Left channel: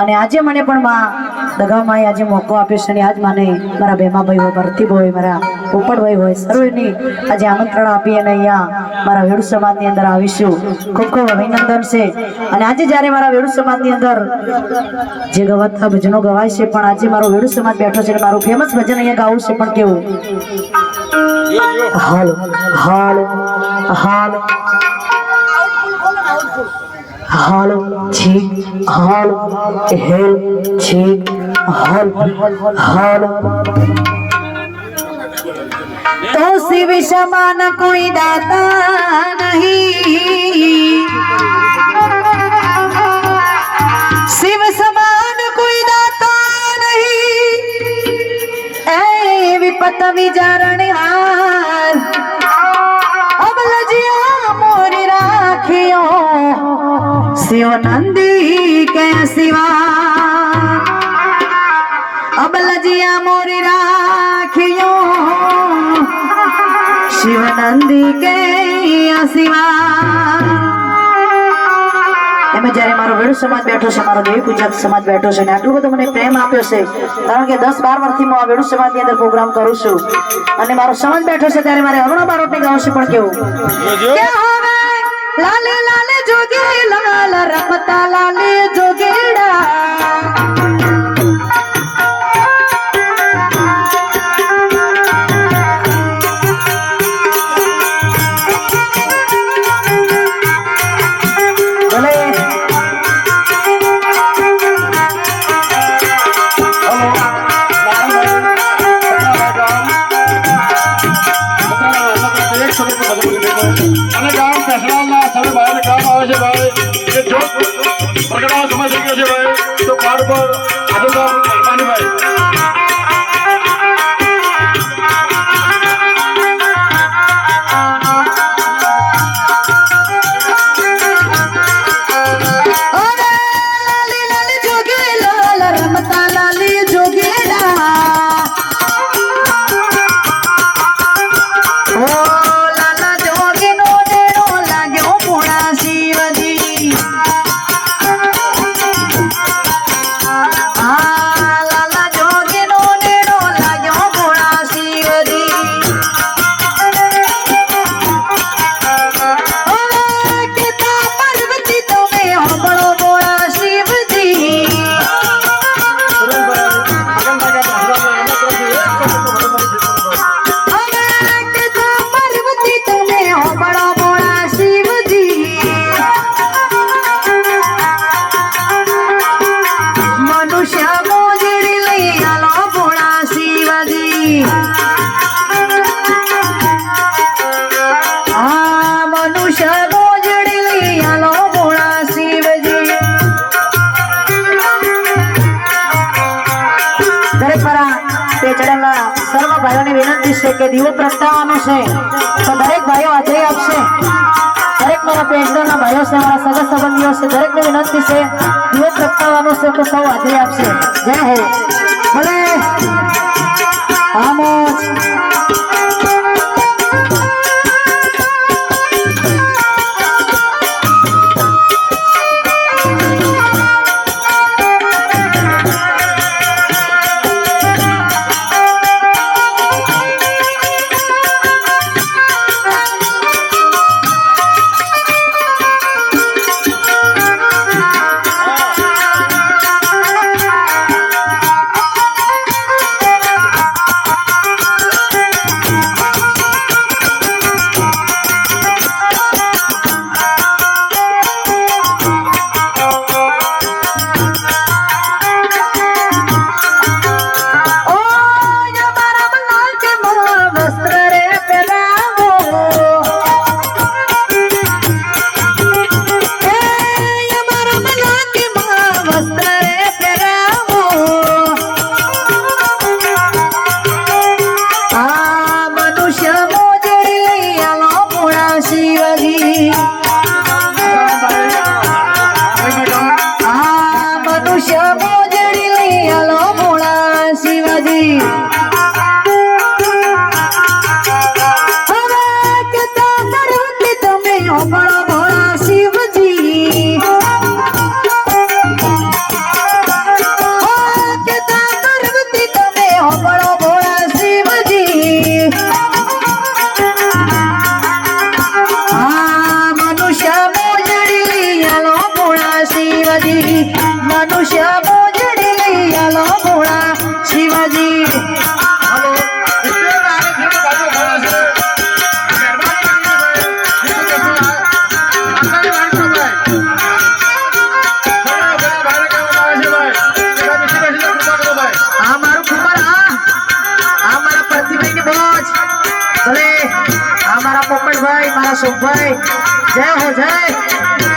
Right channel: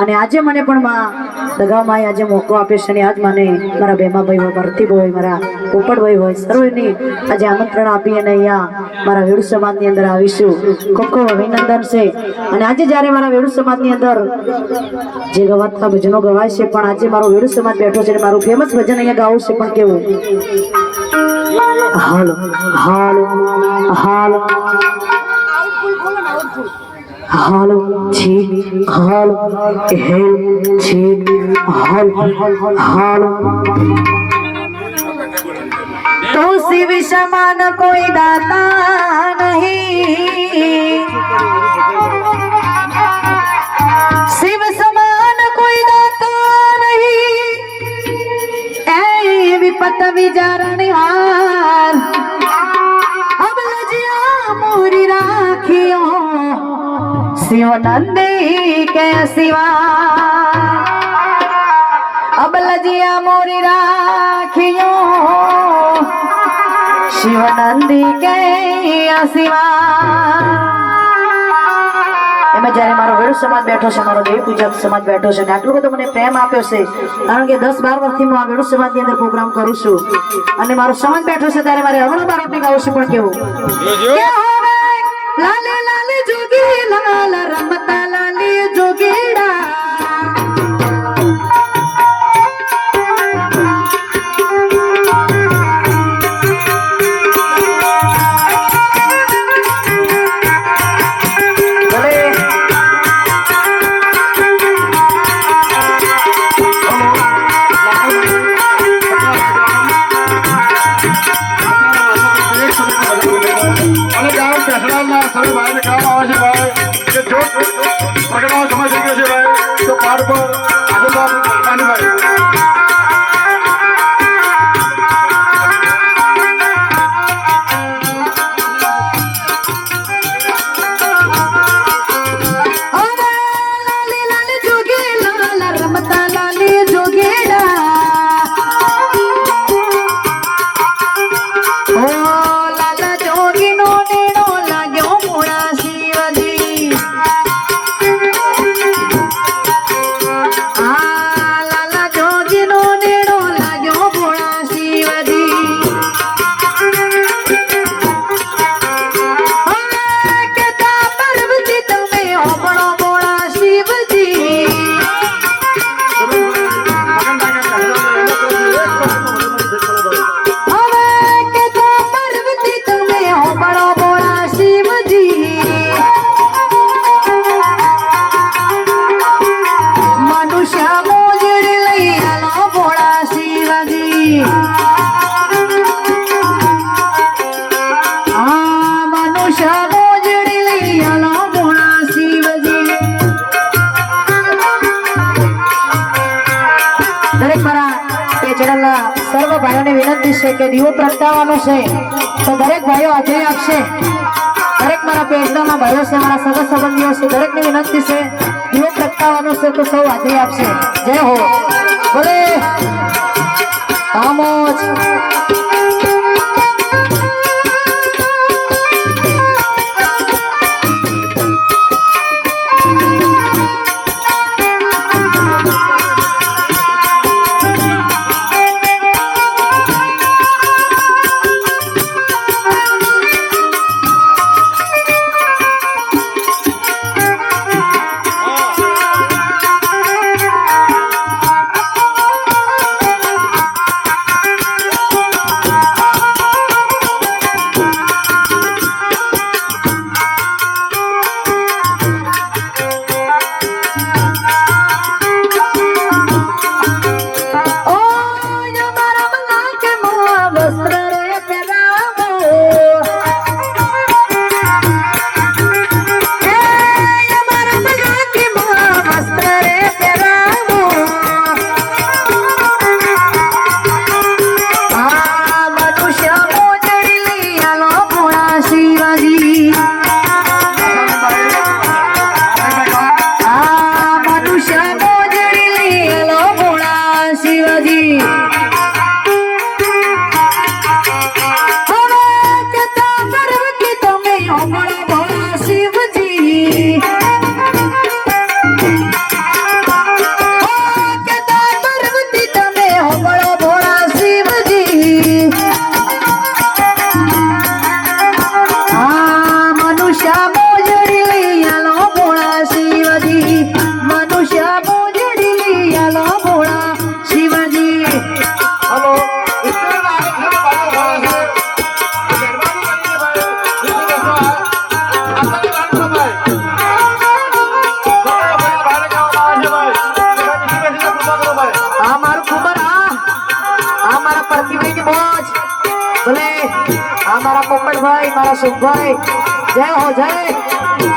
અને આજે મને પણ માં દગામાં આજે મોકો આપ્યો છે અને આજ મને મારા બેમાભાઈ હોય ભરતી હોય, મારા પોપટભાઈ હોય, સર્વેની આજે આમંત્રણ આપી અને અહીંયા મારા વેડુ સમાજની અંદર આવીશું. ખૂબ ખૂબ અભિનંદન છે. અને આજે જ્યારે મારા વેડુ સમાજની અંદર જે ગવાતા ભજનો ગવાય છે, પણ આજે મારો વેડુ સમાજ બેઠો છે અને મારું ફેમસ ભજન અહીંયા ગાવું છે, પણ કેવું? હાલો હાલો હાલો. હાલો છીક હાલ હેલ છીક હાલ હાલ તો શિવ સમાન કોઈ દાતા નહીં શિવ સમાન કોઈ દાતા નહીં એ વિપત વિચારણ હાર અબલજિયા મોરી રાખ્યો શિવ નંદી કે શિવા? અબલજિયા મોરી રાખ્યો. શિવ નંદી કે શિવા? એમાં જ્યારે મારો વેડ સમાજ બેઠો છે મારો દેવી પૂજા સમાજ બેઠો છે અને આટલું બધું મને પ્રેમ આપ્યો છે કારણ કે દસ બાર વર્ષથી હું આ વેડુ સમાજની અંદર પ્રોગ્રામ કરું છું. અને મારો સમાજ બેઠો છે ત્યારે મારે અગણો બારોટની ગાવું છે પણ કેવું? લાલે લાલે જોગી લવાલા રમતા અને ગામ પેસડામાં સામે ભાઈને કામ આવે છે ભાઈ. કે જો પ્રગટાવો સમય થઈ ગયો છે ભાઈ. તો પાર પર આગળ ભાઈ. ભાઈઓને વિનંતી છે કે દીવો પ્રગટાવવાનો છે. તો દરેક ભાઈઓ આજે આપશે. દરેક મારા પેચડાના ભાઈઓ છે, મારા સગા સંબંધીઓ છે, દરેકને વિનંતી છે, દીવો પ્રગટાવવાનો છે તો સૌ આજે આપશે. જય હો. Thank you. આ મારા પોપટભાઈ મારા સુખભાઈ. જય હો જય.